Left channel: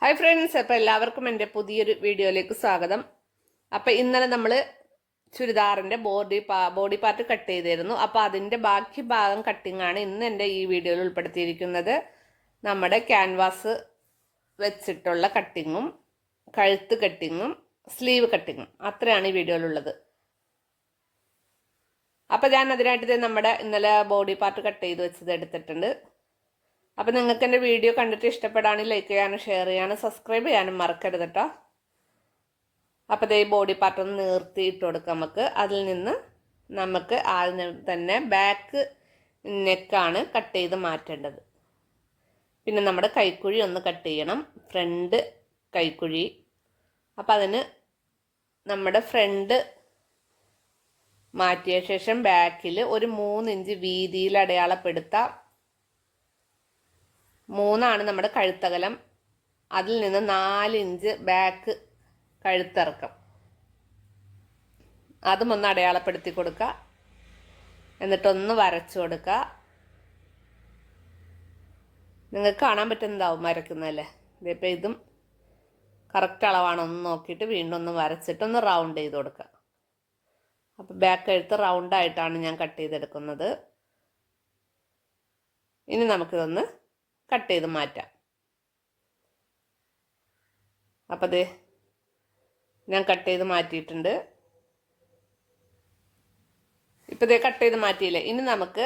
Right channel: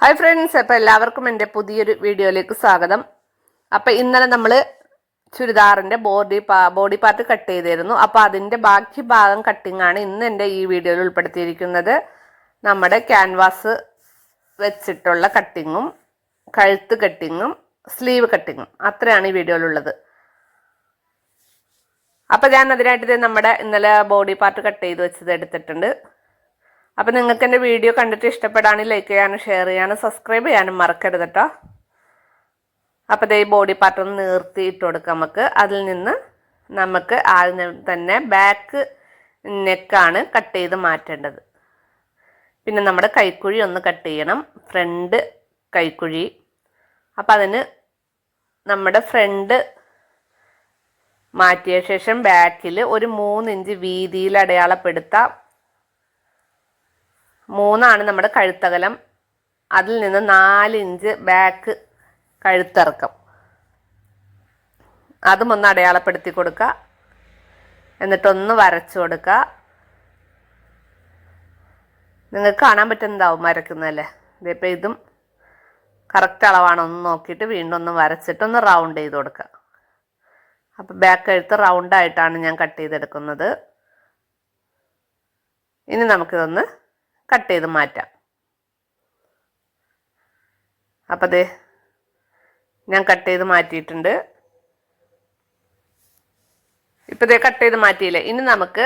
Hi friends അപ്പോൾ എല്ലാവർക്കും എന്റെ പുതിയൊരു വീഡിയോയിലേക്ക് സ്വാഗതം. അപ്പോൾ ഇന്നലെ നമ്മൾ ചുരിദാറിന്റെ ബോഡി പാ ബോഡി പാർട്ട് കട്ട് ചെയ്തിരുന്നു. അപ്പോൾ അതിന്റെ ബാക്കി ഭാഗം കട്ടിങ്ങാണ് ഇന്ന് എന്റെ ഈ വീഡിയോയിൽ ഉൾപ്പെടുത്തിയിരിക്കുന്നത്. നമ്മുടെ ക്യാൻവാസ് വെച്ചിട്ടുള്ള കട്ടിങ്ങും കഴുത്ത് കട്ടിങ്ങും സ്ലീവ് കട്ടിങ്ങും അത്രയാണ് ഈ വീഡിയോയിലുള്ളത്. അപ്പോൾ ഞാൻ അതിനായിട്ട് നമ്മുടെ ഇന്നലെ ബോഡി പാർട്ട് കട്ട് ചെയ്ത് വെച്ചത് എടുത്തിട്ടുണ്ട്. അപ്പം നിങ്ങൾക്ക് എന്റെ വീഡിയോ കണ്ടിട്ട് ഇഷ്ടപ്പെടാനും ലൈക്ക് ചെയ്യാനും ഷെയർ ചെയ്യാനും സബ്സ്ക്രൈബ് ചെയ്യാനും മറക്കരുത് കേട്ടോ അപ്പോൾ ഈ ബോഡി പാർട്ട് ഒന്ന് നിർത്തി ഇട്ട് കൊടുക്കാം നമുക്ക് അതിൽ നിന്ന് നമുക്ക് ആദ്യം തന്നെ ബാക്ക് നെക്കാണ് കട്ട് ചെയ്ത് മാറ്റേണ്ടത്. പിന്നെ നമ്മുടെ കൈക്കുഴി ഒന്ന് കട്ട് ചെയ്യണം. ഫ്രണ്ട് കൈക്കുഴി. അപ്പം അതിന് നമ്മുടെ ഫ്രണ്ട് മാറ്റിയ ശേഷം ബാക്കിൽ ഒരു മൂന്നിഞ്ച് വീതിയിൽ അടയാളപ്പെടുത്താം. മൂന്നാണ് നമ്മുടെ കഴുത്തകലം. അതിൽ നിന്ന് നാല് ഇഞ്ച് ബാക്ക് കഴുത്തിറക്കം. അതും ഒന്ന് അടയാളപ്പെടുത്തി കൊടുക്കുക. എന്നിട്ടൊന്ന് വരച്ചു കൊടുക്കുക. നിങ്ങൾക്ക് കാണാൻ പറ്റുന്നതാവും വരയ്ക്കുന്നതല്ലേ? ഇതിപ്പോൾ ഇതും കറക്റ്റ് അളവാണോ. ഒന്ന് നോക്കിയിട്ട് വീണ്ടും ഒന്ന് വരച്ചിട്ട് ഒന്ന് റൗണ്ട് ചെയ്ത് കൊടുക്കുക. അപ്പോൾ ബാക്ക് കഴുത്ത് റൗണ്ടായിട്ടാണ് ഞാൻ കട്ട് ചെയ്തെടുക്കുന്നത്. ഇനി നമുക്കിതൊന്ന് കട്ട് ചെയ്ത് മാറ്റാം. അപ്പം ദേ ഞാൻ കട്ട് ചെയ്ത് മാറ്റിയിട്ടുണ്ട്. ഇപ്പം ദേ കട്ട് ചെയ്ത് മാറ്റിയില്ലേ? ഇനി നമുക്ക്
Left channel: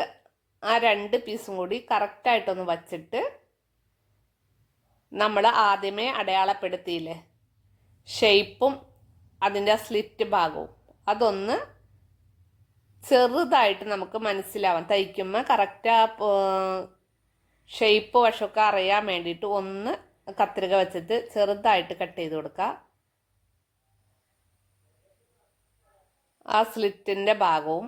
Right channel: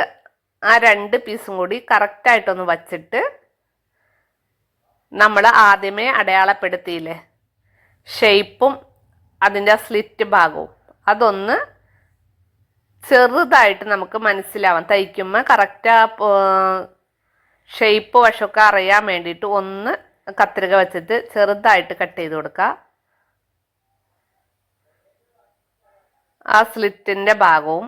ആ രണ്ട് പീസും കൂടി കറക്റ്റായിട്ടൊന്ന് വച്ചിട്ട് നമ്മൾ ആദ്യമേ അടയാളപ്പെടുത്തിയില്ലേ? ഷെയ്പ്പും അതിന്റെ ആ സ്ലിറ്റ് ഭാഗവും. അതൊന്ന് ചെറുതായിട്ട് നമുക്ക് മനസ്സിലാവാം. തയ്ക്കുമ്പോൾ കറക്റ്റ് ആ ഷെയ്പ്പ് വശമൊക്കെ അറിയാൻ വേണ്ടിയിട്ട് ഒന്ന് കത്രിക വെച്ചിട്ട് ചെറുതായിട്ട് കട്ട് ചെയ്ത് കൊടുക്കുക. ആ സ്ലിറ്റിന്റെ ഭാഗവും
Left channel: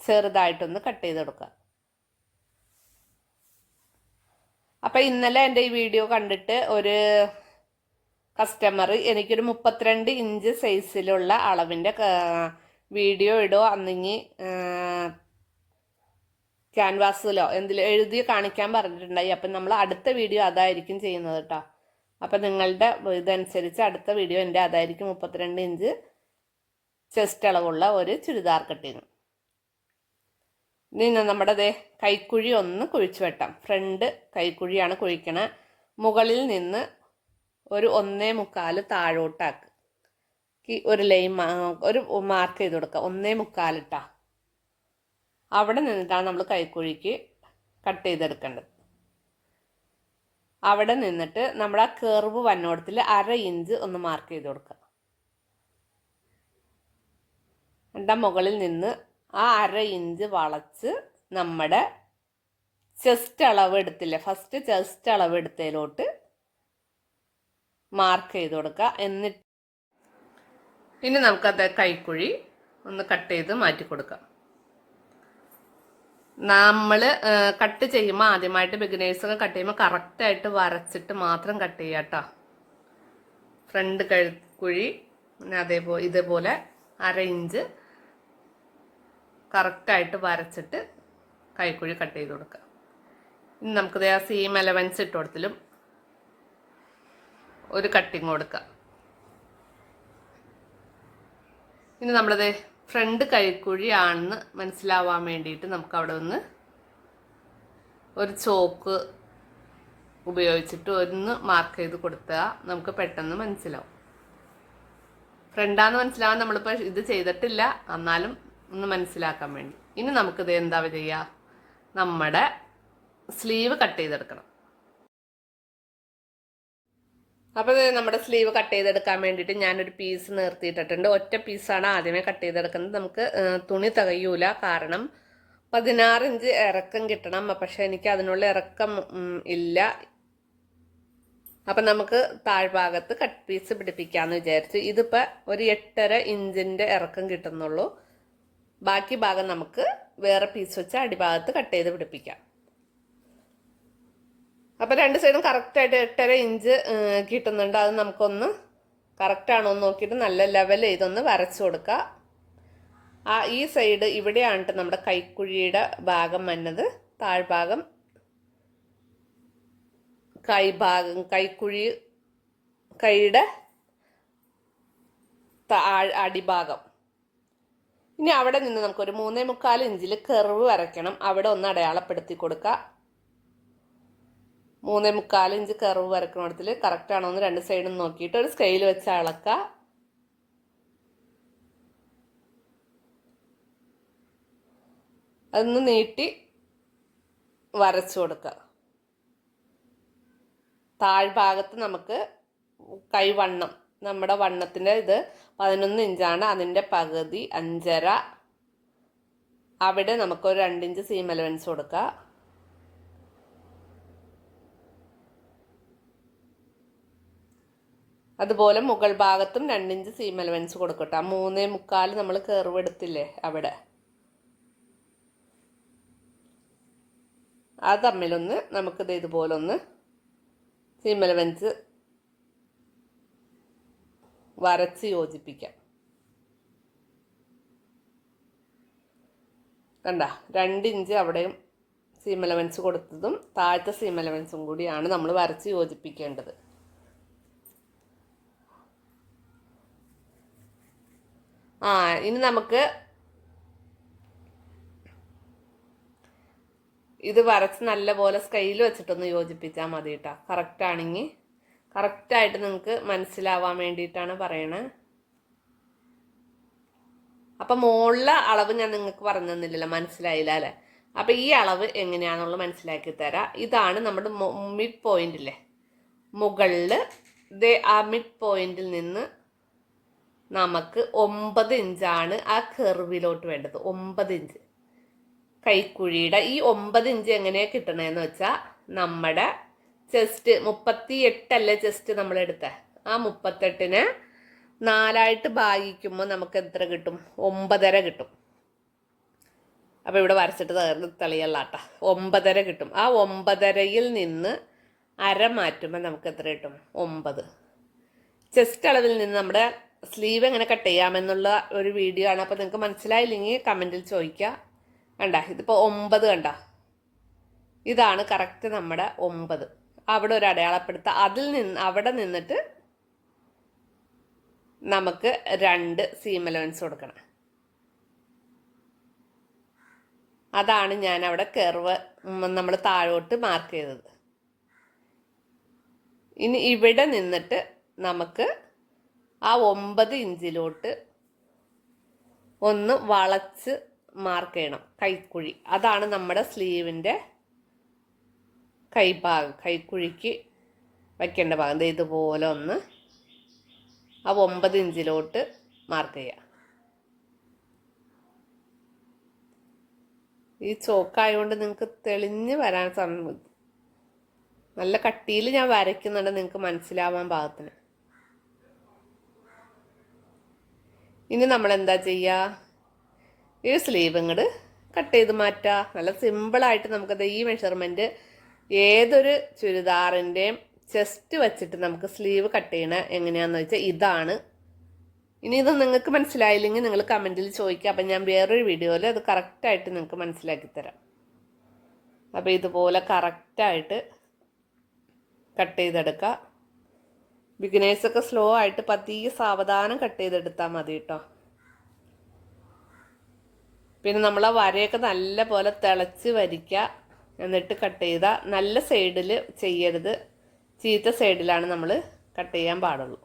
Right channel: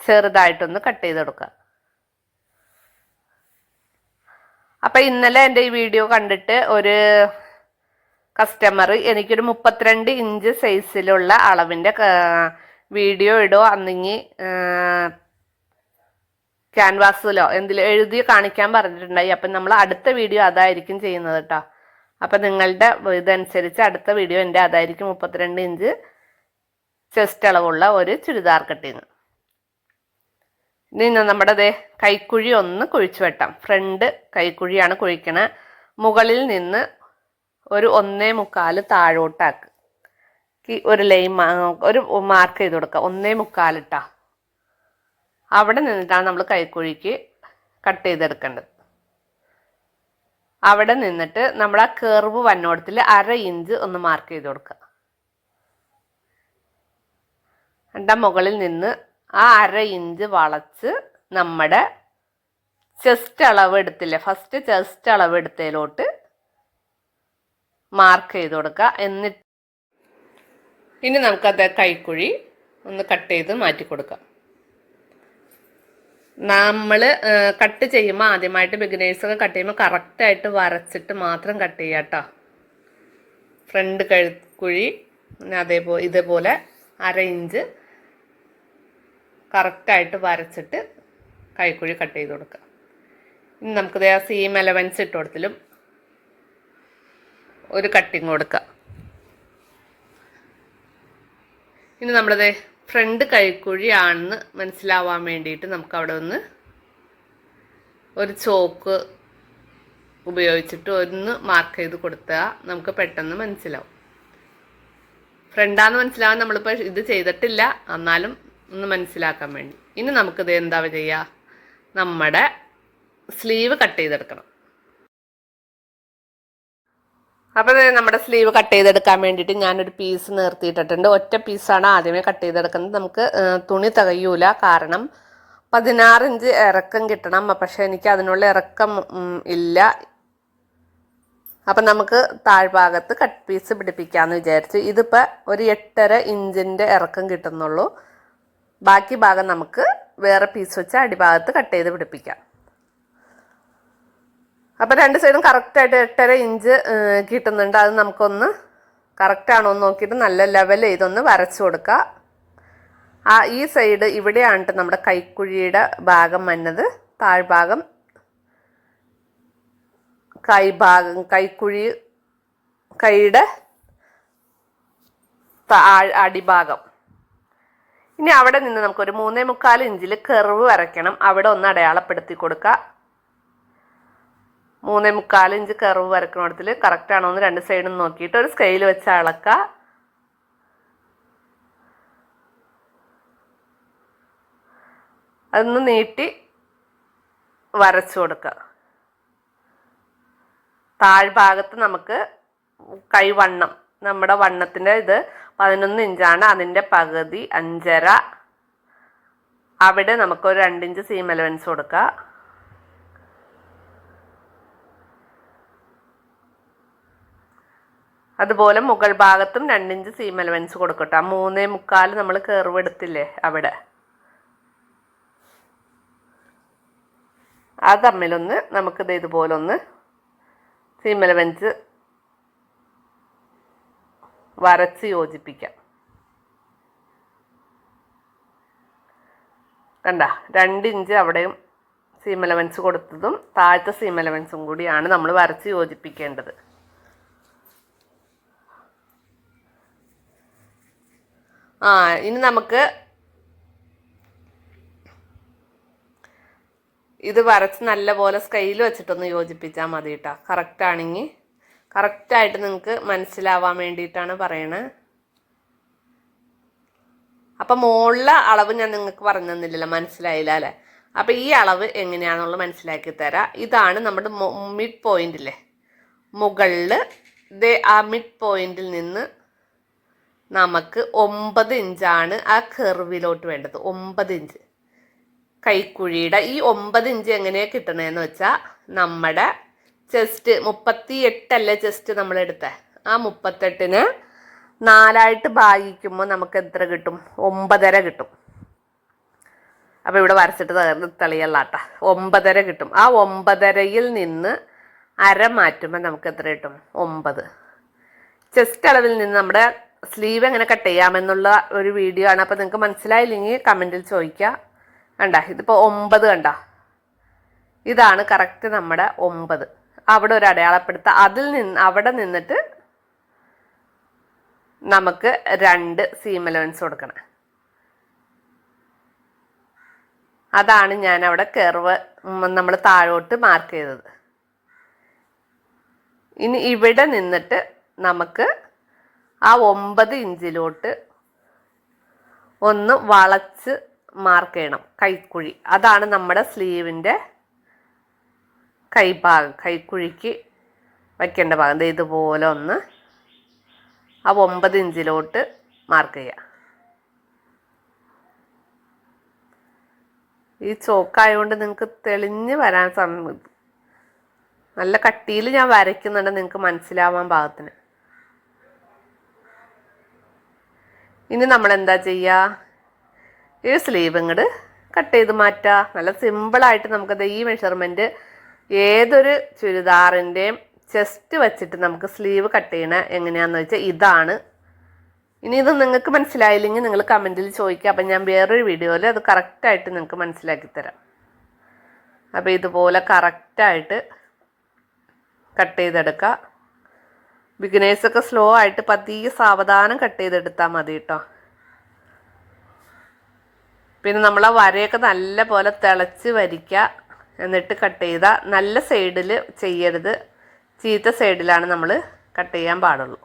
ചെറുതായിട്ടൊന്ന് കട്ട് ചെയ്ത് കൊടുക്കുക. അപ്പം ഇന്നലെ എന്റെ ഈ വീഡിയോ കണ്ടിട്ട് ഒരു കസ്റ്റമർ എനിക്കൊരു മുപ്പത്തിരണ്ട് ഇഞ്ച് സൈസിലുള്ള അളവിന്റെ വീഡിയോ ഇടോ അന്നിങ്ങി ക്യാൻവാസിലോ എന്തിൽ എഴുതി കാണിക്കാൻ പറഞ്ഞിട്ടുണ്ടായി. അപ്പം നമ്മൾ അടുത്ത വീഡിയോ അതായിരിക്കും ചെയ്യുന്നത് കേട്ടോ അപ്പം നിങ്ങളുടെ ഇതനുസരിച്ച് അടുത്ത വീഡിയോ എന്റെ അതായിരിക്കും മുപ്പത്തിരണ്ട് ഇഞ്ച് ചെസ്റ്റ് അളവുള്ള ഒരു ചുരിദാർ കട്ടിങ്. ഇനി നമ്മുടെ അതേ കൈക്കുഴി ഒന്ന് കുഴിച്ചു വെട്ടാം. ഫ്രണ്ട് കൈക്കുഴിയാണ് കുഴിക്കണത് മുകളിൽ നിന്ന് ഒരു ഒന്നേ മുക്കാൽ താഴോട്ടാക്ക്. ഒരു ലൈൻ ഒരു മാർക്ക് ചെയ്ത് കൊടുക്കുക ഒന്നേ മുക്കാലിട്ടാ അവിടെ നിന്നിട്ടാണ് നമ്മൾ കൈക്കുഴിക്ക് കട്ട് ചെയ്തെടുക്കേണ്ടത്. അവിടെ നിന്നിട്ട് നമ്മൾ ആ കേർവ് വന്നോടത്തിൽ അര ഇഞ്ച് ഒന്ന് മാർക്ക് ചെയ്ത് കൊടുക്കുക. രണ്ടാം മുകളിൽ നിന്ന് ആ അര ഇഞ്ച് വളച്ച് നമ്മുടെ ചെസ്റ്റ് അളവ് എടുത്തില്ലേ ഫസ്റ്റ് ചെസ്റ്റ് അളവ് എടുത്തതിലോട്ട് മാർക്ക് ചെയ്ത് കൊടുക്കുക. എന്നിട്ട് ഇനി നമുക്കത് കൈക്കുഴി ഒന്ന് കട്ട് ചെയ്ത് മാറ്റി കൊടുക്കാം. നമ്മൾ കട്ട് ചെയ്യുമ്പോൾ ആദ്യമായിട്ട് ബിഗിനേഴ്സൊക്കെ കട്ട് ചെയ്യുമ്പോൾ കറക്റ്റായിട്ട് വരച്ചിട്ട് മാത്രം കട്ട് ചെയ്യുക കേട്ടോ ഫ്രണ്ട് കഴുക്കുഴി അതേപോലെ ഇതേപോലെ അര ഇഞ്ച് കറക്റ്റായിട്ട് വരച്ചിട്ട് കൈക്കുഴി കട്ട് ചെയ്ത് കൊടുക്കുക. ഇനി നമുക്കിത് ആ സെയിം എലവൻസ് ഇട്ട് കൊടുത്തിലും ഒരു കട്ടിങ് കൊടുക്കുക. ഇനി നമ്മളത് ഫ്രണ്ട് കൈക്കുഴിയാണെന്ന് മനസ്സിലാവാൻ വേണ്ടിയിട്ട് നമുക്ക് അവിടെ ഒന്ന് ഒരു ചോക്ക് ഉപയോഗിച്ചിട്ട് ഒന്ന് മാർക്ക് ചെയ്ത് കൊടുത്താൽ നമുക്ക് പെട്ടെന്ന് മനസ്സിലാവും. ഫ്രണ്ടാന്ന് മനസ്സിലാവാൻ നമ്മളിപ്പോൾ ഇത് ചെയ്തിട്ടില്ല. എന്നാലും ഒന്ന് മനസ്സിലാക്കാൻ വേണ്ടി. ഇനി നമുക്കിത് എന്താ ചെയ്യുക നമ്മുടെ സ്ലീവ് കട്ട് ചെയ്തെടുക്കണം. അപ്പോൾ നമ്മുടെ സ്ലീവ് കട്ട് ചെയ്തെടുക്കാൻ വേണ്ടിയിട്ട് ഞാനൊരു പീസ് നിർത്തിയിട്ടിട്ടുണ്ട്. ഒറ്റ പീസാണ് ആദ്യമേ കട്ട് ചെയ്തെടുക്കുന്നത്. നമുക്ക് തുണി തികയൂല. കാരണം പതിനാറ് ഇഞ്ച് ഇറക്കം കിട്ടണം. പക്ഷെ എനിക്ക് അതിനുള്ള ഇറക്കം ഇല്ല. അപ്പം നമുക്ക് താഴ്ഭാഗത്ത് കട്ട് പീസ് പിടിപ്പിക്കാമെന്ന് വിചാരിച്ചു. ഇതിപ്പോൾ ഒരു എട്ടര ഇഞ്ചിന്റെ ഇറക്കം കിട്ടുന്നുള്ളൂ. ബാക്കി ഭാഗം നമുക്ക് വേറെ പീസ് വെച്ച് അടിഭാഗത്ത് കട്ട് ചെയ്ത് പിടിപ്പിക്കാം. അപ്പോൾ രണ്ട് സൈഡും കറക്റ്റായിട്ട് എട്ടര ഇഞ്ച് കിട്ടുന്നുണ്ട്. അത് നമുക്കൊന്ന് കറക്റ്റാണോ എന്ന് നോക്കിയിട്ട് നല്ല ലെവൽ ചെയ്തൊന്ന് വരച്ചു കൊടുക്കുക ആ ഈ സൈഡ് ഇവിടെയാണ് നമ്മുടെ കൈക്കുഴിയുടെ ഭാഗം വന്നത്. താഴ്ഭാഗം കൈഭാഗം കൈക്കുഴി കൈയുടെ അടിഭാഗം. ഇനി അവിടെ നിന്ന് നമുക്കൊരു മൂന്നേ മുക്കാൽ ഇഞ്ചിൽ കെറിവ് വരയ്ക്കണം. അവിടെ ഒന്ന് അടയാളപ്പെടുത്തി കൊടുക്കുക മൂന്നേ മുക്കാൽ ഇഞ്ച് കർവ് വരക്കണത്തിൽ കറക്റ്റ് ആണോ എന്ന് രണ്ട് സൈഡും നോക്കിയിട്ട് ഒരു സ്കെയിൽ വെച്ച് അളക്കുക അതൊന്ന് നീട്ടി വരച്ചു കൊടുക്കുക താഴ്ഭാഗത്ത് നമുക്ക് കൈവണ്ണം നമ്മുടെ വണ്ണത്തിന്റെ ഇത് പതിനൊന്ന് ഇഞ്ചാണ്. അതിന്റെ പകുതി അഞ്ചര. അവിടെ നമുക്കൊരു രണ്ടിഞ്ച് സീം അലവൻസ് കൊടുക്കുക അതുപോലെ മുകൾ ഭാഗത്തും രണ്ടിഞ്ച് സീം അലവൻസ് കൊടുക്കട്ടെ. ആ മൂന്നേ മുക്കാൽ നമ്മൾ കയറുവെടുത്തില്ലേ അവിടെ. ആ തമ്മിലൊന്ന് നമുക്കിത് ഇതുപോലെ ഒന്ന് സീം അലവൻസ് വരച്ച് യോജിപ്പിക്കാം. കണ്ട? രണ്ടിഞ്ച് അവിടെയും സീം അലവൻസ് കൊടുത്തതും താഴത്തെ സീം അലവൻസും കൂടിയാണ് നമ്മൾ വരച്ച് യോജിപ്പിക്കേണ്ടത്. ആ ഇനി നമുക്ക് ഇത് വരച്ച് നല്ലപോലെ സ്കെയിൽ വെച്ചിട്ടൊന്ന് യോജിപ്പിച്ചാൽ മതി കേട്ടോ കറക്റ്റ് ആണെങ്കിൽ കറക്റ്റായിട്ട് നിങ്ങൾക്ക് മനസ്സിലാവാൻ വേണ്ടിയിട്ടാണ് പറയണത് അപ്പം മുകളിലെ അളവ് ഞാൻ നിങ്ങൾക്ക് പറഞ്ഞു തന്നില്ലല്ലോ മനസ്സിലായില്ല അല്ലേ? അപ്പം ഈ അളവ് എങ്ങനെയാണെന്നുള്ളത് മനസ്സിലാക്കി തരാം. ഇതാണ് നമ്മുടെ മിഡ് പോയിന്റിലെ മുകളിൽ ആ മിഡ് പോയിന്റിൽ നിന്ന് നമുക്ക് ഒമ്പത് ഇഞ്ചാണ് ആ കെർവിലോട്ട് വേണ്ടത്. ഒമ്പത് ഇഞ്ച്. കൈക്കുഴിയുടെ ഈ ഒമ്പത് ഇഞ്ച് എങ്ങനെയാണ് കിട്ടണതെന്ന് വെച്ചാൽ നമ്മുടെ ചെസ്റ്റ് മുപ്പത്തി എട്ടല്ലേ ചെസ്റ്റ് നമ്മൾ എടുത്തേ? ആ മുപ്പത്തെട്ടിന് നാലായിട്ട് ഭാഗിക്കുമ്പോൾ നമുക്ക് എത്ര കിട്ടും? ഒമ്പതര കിട്ടും. അപ്പോൾ ഇവിടെ വരച്ചിട്ട് തെളിയല്ലാട്ട. ഒമ്പതര കിട്ടും. ആ ഒമ്പതരയിൽ നിന്ന് അര മാറ്റുമ്പോൾ നമുക്ക് എത്ര കിട്ടും? ഒമ്പത്. ചെസ്റ്റ് അളവിൽ നിന്ന് നമ്മുടെ സ്ലീവ് എങ്ങനെ കട്ട് ചെയ്യാമെന്നുള്ള ഒരു വീഡിയോ ആണ്. അപ്പോൾ നിങ്ങൾക്ക് മനസ്സിലായില്ലെങ്കിൽ കമന്റിൽ ചോദിക്കുക കണ്ട ഇതിപ്പോൾ ഒമ്പത് കണ്ട. ഇതാണ് കറക്റ്റ് നമ്മുടെ ഒമ്പത്. അവിടെ ഒരു അടയാളപ്പെടുത്തുക അതിൽ നിന്ന് അവിടെ നിന്നിട്ട് നമുക്ക് രണ്ട് സീം അലവൻസ് കൊടുക്കണം. അതാണ് ഞാൻ അവിടെ കെർവ് നമ്മൾ താഴോട്ട് മാർക്ക് ചെയ്തത്. ഇനി ഇവിടെ നിന്നിട്ട് നമുക്ക് ആ ഒമ്പത് ഇഞ്ചിലോട്ട് ഒന്ന് വളച്ച് മാർക്ക് ചെയ്യണം. കൈക്കുഴി. അതാണ് നമ്മുടെ സ്ലീവിന്റെ കൈഭാഗം. കൈക്കുഴിക്ക് വയ്ക്കേണ്ട ഭാഗം. ഇതുപോലെ ഒന്ന് ആ ഒമ്പത് ഇഞ്ചിലോട്ട് മാർക്ക് ചെയ്യുക ഈ ചോക്കായതുകൊണ്ട് നിങ്ങൾക്ക് തെളിഞ്ഞ് വരാൻ സമയം നല്ല കട്ടിയിൽ ഞാൻ വരയ്ക്കുന്നുണ്ട്. നിങ്ങൾക്ക് മനസ്സിലാവാൻ പാകത്തിന്. ഇനി നമ്മൾ എന്താ ചെയ്യുക ഈ സ്ലീവ് ഇങ്ങോട്ട് കട്ട് ചെയ്ത് മാറ്റുക നല്ല സിമ്പിളായിട്ട് നമുക്കത് ഈ മെഷർമെന്റ് ഏതൊരു ചുരിദാറിന്റെയും ചെസ്റ്റ് വെച്ചിട്ട് നമുക്ക് സ്ലീവ് കട്ട് ചെയ്യണ എങ്ങനെയാണെന്ന് വെച്ചാൽ ഇതാണ്. ഇനി ഇത് നിങ്ങൾക്ക് മനസ്സിലായില്ലെങ്കിൽ നിങ്ങൾ കമന്റിൽ ചോദിക്കുക അപ്പം ഞാൻ വേറൊരു വീഡിയോയിൽ അത് കറക്റ്റായിട്ട് നിങ്ങൾക്ക് മനസ്സിലാക്കി തരാം. അപ്പോൾ ഇതുപോലെ കറക്റ്റായിട്ട് കട്ട് ചെയ്തെടുക്കുക ബിഗിനേഴ്സൊക്കെ സ്ലോ ആയിട്ട് പതിയെ സാവധാനം കട്ട് ചെയ്തെടുത്താൽ മതി കേട്ടോ പിന്നെ നമ്മൾ ആ വരയൊക്കെ നല്ല പോലെ തിളച്ച് വരിക്കുക എന്നിട്ട് കട്ട് ചെയ്ത നല്ല സൈഡിൽ ചെയ്യരുത്. ചീത്ത സൈഡിലാണ് നമ്മൾ കട്ട് ചെയ്യാൻ പാടുള്ളൂ.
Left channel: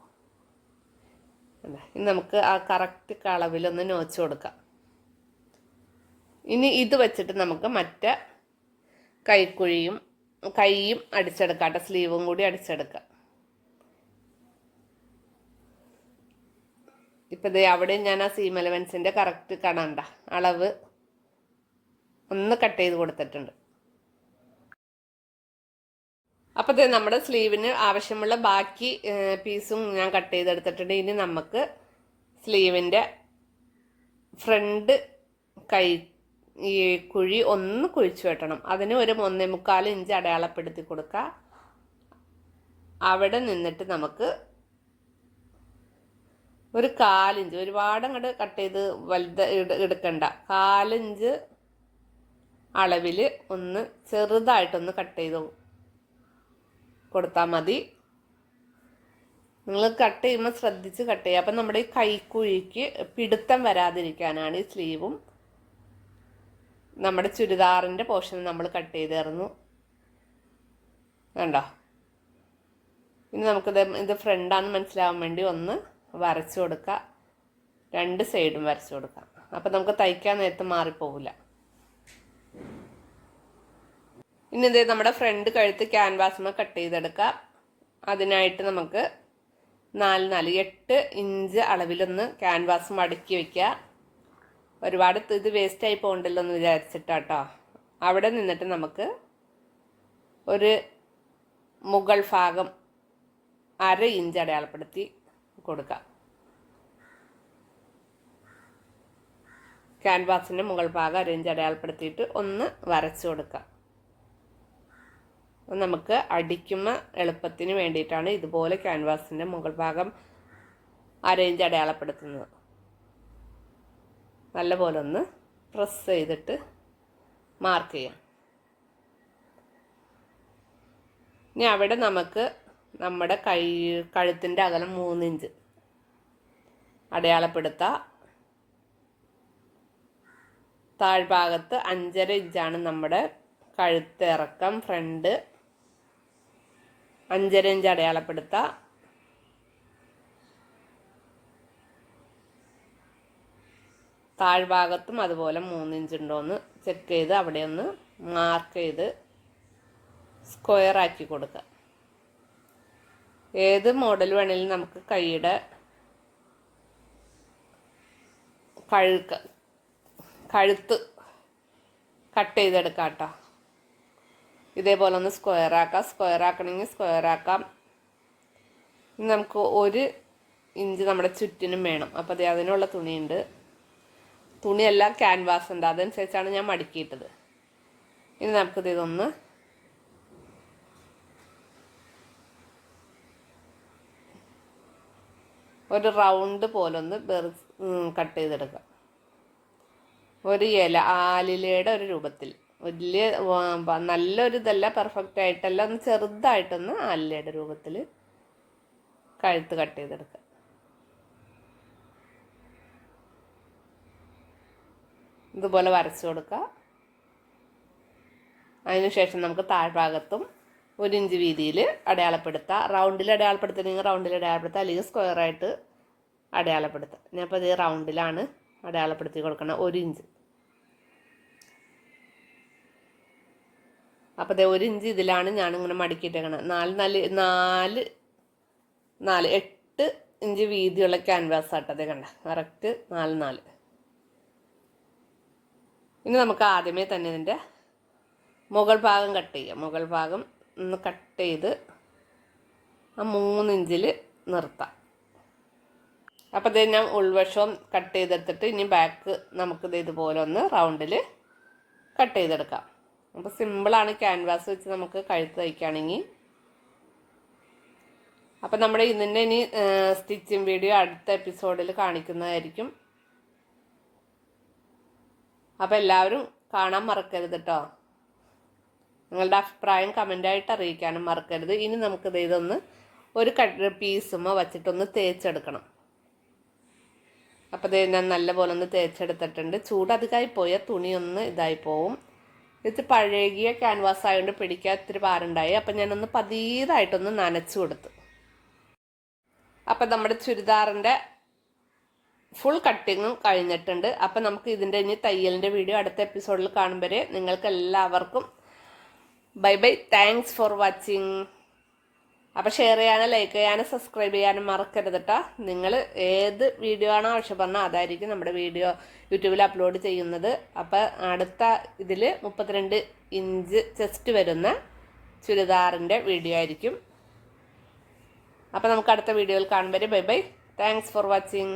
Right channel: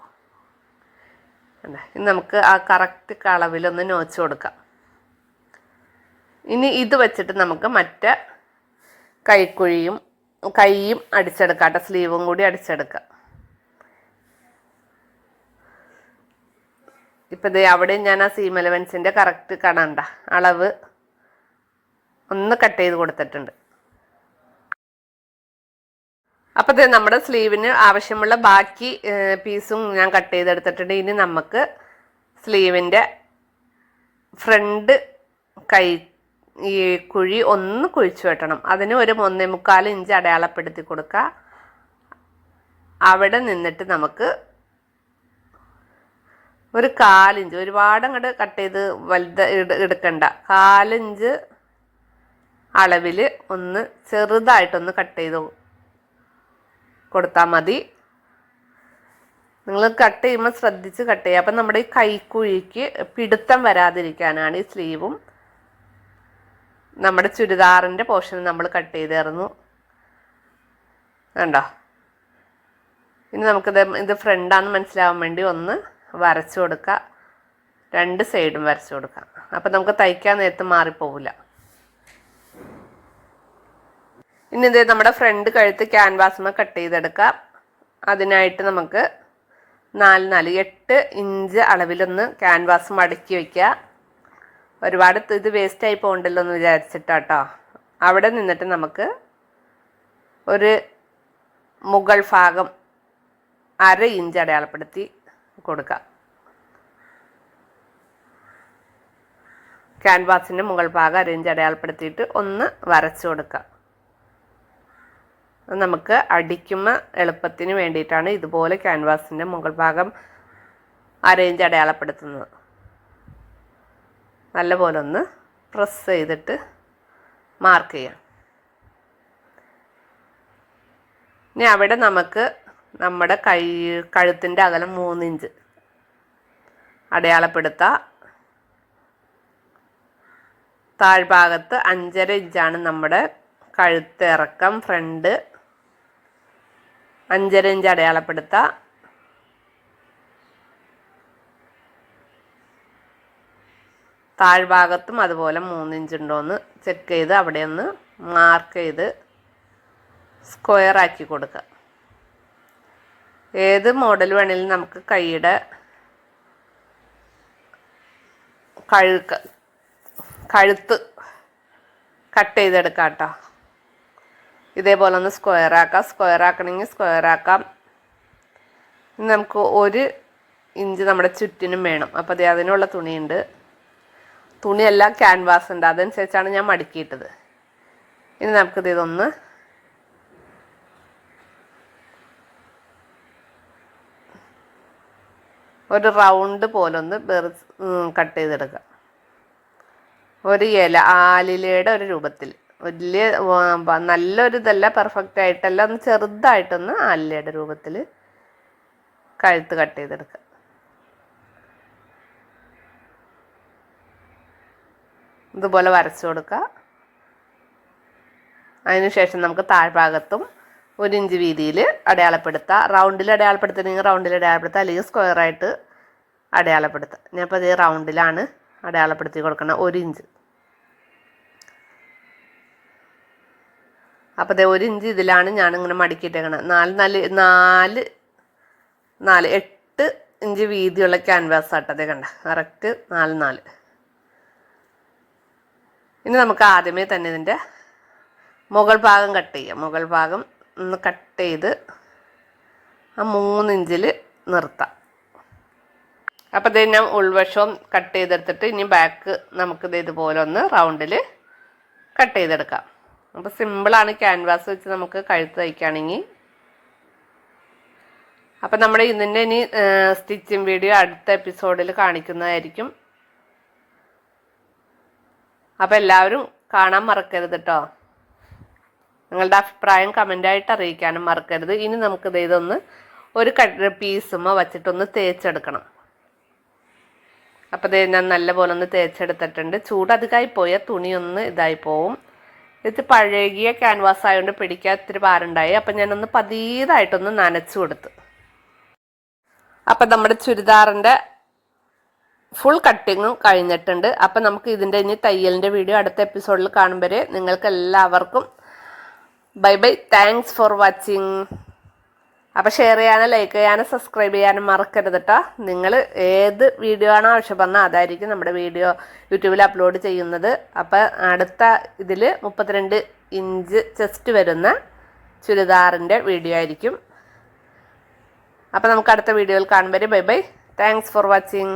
ഇനി നമുക്ക് ആ കറക്റ്റ് കളവിലൊന്ന് നോച്ച് കൊടുക്കാം. ഇനി ഇത് വെച്ചിട്ട് നമുക്ക് മറ്റേ കൈക്കുഴിയും കൈയും അടിച്ചെടുക്കാം കേട്ടോ സ്ലീവും കൂടി അടിച്ചെടുക്കാം. ഇപ്പം ദേ അവിടെ ഞാൻ ആ സീം എലവൻസിന്റെ കറക്റ്റ് കാണണ്ട. അളവ് ഒന്ന് കട്ട് ചെയ്ത് കൊടുത്തിട്ടുണ്ട്. അപ്പോൾ ഇത് നമ്മുടെ സ്ലീവിന് ആവശ്യമുള്ള ബാക്കി പീസും ഞാൻ കട്ട് ചെയ്തെടുത്തിട്ടുണ്ട്. ഇനി നമുക്ക് സ്ലീവിന്റെ ഫ്രണ്ട് കൈ ഈ കുഴി ഒന്ന് കുഴിച്ചു വെട്ടണം. അതിന് ഒരു ഒന്നേ മുക്കാൽ ഇഞ്ച് അടയാളപ്പെടുത്തി കൊടുക്കുക അവിടെ നിന്നിട്ട് നമുക്ക് ഒരു കാലിഞ്ച്. ഒരുപാട് അങ്ങോട്ട് കട്ട് ചെയ്ത് വലുത് എടുക്കണ്ട. കാലിഞ്ച് അളവിൽ ഒന്ന് ചെറുതായിട്ടൊന്ന് കട്ട് ചെയ്ത് കൊടുത്താൽ മതി. നിങ്ങൾ കട്ട് ചെയ്യുമ്പോൾ ശ്രദ്ധിച്ച് കട്ട് ചെയ്യുക. അപ്പം നമ്മുടെ ഈ കൈക്കുഴിക്ക് പിടുത്തം വരാതിരിക്കാനാണ് ഈ സ്ലീവും നമ്മുടെ ചുരിദാറിന്റെ പോർഷൻ നമ്മൾ കട്ട് ചെയ്തായിരുന്നു കണ്ടോ? ഇനി നമുക്കിത് ഇത് ഫ്രണ്ടാന്ന് മനസ്സിലാവാൻ വേണ്ടി ഒന്ന് വരച്ചു കൊടുക്കുക. രണ്ട് സൈഡും വരച്ചു കൊടുക്കുക. അപ്പം നമുക്ക് തയ്ക്കാൻ നേരത്ത് മാറിപ്പോവില്ല. ഇനി ഇത് നമ്മുടെ ഫ്രണ്ട് കഴുത്ത് ക്യാൻവാസുമ്മ കട്ട് ചെയ്തെടുക്കാം അതിനായിട്ട് നമുക്ക് നാല് നാല് എട്ട് ഇഞ്ച് അളവിലൊന്ന് ക്യാൻവാസ് മടക്കി വയ്ക്കുക. ഒരുപാട് ഇത് വേസ്റ്റായി പോകണ്ടല്ലോ എന്ന് വിചാരിച്ചിട്ടാട്ടോ. അവിടെ നിന്നിട്ട് നമുക്ക് ഒരു മുകൾ ഭാഗം അര ഇഞ്ച് അടയാളപ്പെടുത്തി കൊടുക്കാം. ക്യാൻവാസിന്റെ മുകൾ ഭാഗം അര ഇഞ്ച് അടയാളപ്പെടുത്തിയിട്ട് ഒന്ന് വരച്ചു കൊടുക്കാം. നമുക്ക് അടിക്കുമ്പോൾ എളുപ്പത്തിന് വേണ്ടിയിട്ടാണ് ഇതുപോലെ ക്യാൻവാസിന്റെ മുകൾ ഭാഗം അരയിഞ്ച് അടയാളപ്പെടുത്തുന്നത്. നല്ലപോലെ ഒന്ന് പ്രസ് ചെയ്തിട്ട് മാർക്ക് ചെയ്യാം. ഇനി അവിടെ നമുക്ക് നമ്മുടെ കൈ കഴുത്തിന്റെ അകലം മൂന്നിഞ്ച് അടയാളപ്പെടുത്താം. താഴ്ഭാഗത്ത് അഞ്ചര ഇഞ്ചാണ് നമ്മുടെ കഴുത്ത് ഇറക്കം ഫ്രണ്ട്. അഞ്ചര ഇഞ്ച് അടയാളപ്പെടുത്തുക താഴ്ഭാഗത്തും അതുപോലെ മൂന്നിഞ്ച് ഉണ്ടോയെന്ന് ചെക്ക് ചെയ്ത് അവിടെ ഒന്ന് മാർക്ക് ചെയ്ത് സ്ക്വയർ ആക്കി കൊടുക്കുക ഏത് മോഡൽ വേണമെങ്കിലും നമുക്ക് കൈയുടെ കഴുക്ക് കഴുത്ത് കട്ട് ചെയ്തെടുക്കാം കേട്ടോ ഇതേപോലെ ഒന്ന് സ്ക്വയർ ആക്കാം. സ്ക്വയർ ആക്കണമെങ്കിൽ സ്ക്വയർ ആക്കാം. നമുക്ക് ഒരു ഇഞ്ച് നമ്മുടെ ചുറ്റിനും വേണം. അപ്പോൾ അത് അതിനുള്ള തുണിയുണ്ട്. തുണിയെല്ലാം ക്യാൻവാസ് ഉണ്ട്. അതനുസരിച്ചാണ് ഞാൻ മടക്കിയിട്ടത്. ഇനി നമുക്കിത് ഇതൊന്ന് ഒരു റൗണ്ട് പോലൊന്ന് ബെറി കട്ട് ചെയ്തെടുക്കുക ഒരു ഇല ആലിലയുടെ ഒരു രൂപത്തിൽ. വലിയ നല്ലൊരു ഇതല്ല പെർഫെക്റ്റ് ആയിട്ടല്ല. ഒന്ന് ചെറുതായിട്ടൊന്ന് ആലിലയുടെ രൂപത്തിൽ കഴുത്ത് കട്ട് ചെയ്തെടുക്കുക ഇതുപോലെ വരച്ചു കൊടുക്കുക അതിനുശേഷം നമുക്ക് താഴ്ഭാഗത്തും ഒരു ഇഞ്ച് വീതിയിൽ അടയാളപ്പെടുത്താം. റൗണ്ടിൽ അടയാളപ്പെടുത്തണമെങ്കിൽ റൗണ്ടിൽ അടയാളപ്പെടുത്താം. അല്ലെങ്കിൽ സ്ക്വയറായിട്ട് അടയാളപ്പെടുത്താം. ഞാനിപ്പോൾ അതേ റൗണ്ടിലാണ് അടയാളപ്പെടുത്തി കൊടുക്കണം ഒരു ഇഞ്ച് അപ്പോൾ അതേ ഒരു ഇഞ്ച് ഇതിലാണ് ഞാനിങ്ങനെ മടക്കിയിട്ടേക്കണത്. നാല് നാല് നാല് നാല് എട്ട് ഇഞ്ച് വീതിയുള്ള ക്യാൻവാസ് ആട്ടതേ കണ്ട. കറക്റ്റ് നാല് നാല്. ഇനി നമുക്ക് ആദ്യമേ തന്നെ ഇതിന്റെ മുകൾ ഭാഗം കട്ട് ചെയ്യാം. മുകൾ ഭാഗം ഒന്ന് കട്ട് ചെയ്ത് ആ മൂന്നിഞ്ചിൽ നിർത്താം. അപ്പോൾ ഇത് ഞാൻ ഉൾവശവും കട്ട് ചെയ്തെടുത്തിട്ട് ഇനി ബാക്ക് നമുക്കിത് ഇതുപോലെ ഒന്ന് റൗണ്ടിൽ കട്ട് ചെയ്തെടുക്കാം. അപ്പോൾ സിമ്പിളാണ് ക്യാൻവാസ് വെച്ച് നമുക്ക് കഴുത്ത് തയ്ക്കുകയാണെങ്കിൽ അപ്പം നമ്മുടെ ഇതിന്റെ ഇനി സ്റ്റിച്ചിങ് വീഡിയോ അടുത്ത എപ്പിസോഡിൽ കാണിക്കുന്നതായിരിക്കും. അപ്പോൾ എല്ലാവരും കാണാൻ മറക്കരുത് കേട്ടോ നിങ്ങളുടെ അഭിപ്രായം കമന്റായിട്ട് അറിയിക്കാനും മറക്കരുത്. ഇനി നമുക്കിത് ഇതൊന്ന് ഒരു കട്ട് പീസുമോ വച്ചിട്ടൊന്ന് തേച്ചെടുക്കണം. അപ്പോൾ ഇത് ഞാൻ നല്ലപോലെ ഒന്ന് തേച്ചെടുത്തിട്ടുണ്ട്. ചൂട് അധികമായി പോയാൽ തുണിയൊന്ന് ഇതായി പോവും. ഇത് പഴകിയ ക്യാൻവാസ് ആയതുകൊണ്ട് പിടിക്കാൻ ഇത്തിരി ഭാരമുണ്ടായി. അപ്പം ഞാനൊന്ന് പതിയതായിട്ടൊന്ന് നനച്ചു കൊടുത്ത്. അപ്പം നമ്മുടെ ചുരിദാറിന്റെ ഫുൾ കട്ടിങ്ങും കഴിഞ്ഞിട്ടുണ്ട്. അപ്പം നമുക്ക് ഇതിന്റെ ഇനി തയ്യലിന്റെ വീഡിയോ അടുത്ത എപ്പിസോഡിൽ കാണുമ്പോൾ നിങ്ങൾക്ക് എല്ലാവർക്കും bye bye thanks for watching അപ്പോൾ ഷെയർ ചെയ്യാനും ലൈക്ക് ചെയ്യാനും സബ്സ്ക്രൈബ് ചെയ്യാനും മറക്കരുത് കേട്ടോ നിങ്ങൾ ഏത് വീഡിയോ ആണോ ആവശ്യപ്പെടുന്നത് അതായിരിക്കും നമ്മുടെ വീഡിയോ യൂട്യൂബിൽ അപ്ലോഡ് ചെയ്യുന്നത്. അപ്പോൾ അടുത്ത ഇതിൽ മുപ്പത്തിരണ്ട് ഇഞ്ച് ചെസ്റ്റ് വരുന്ന ചുരിദാറിന്റെ വീഡിയോ ആയിരിക്കും. അപ്പോൾ നമുക്ക് അടുത്ത വീഡിയോയിൽ കാണുമ്പോൾ bye bye thanks for watching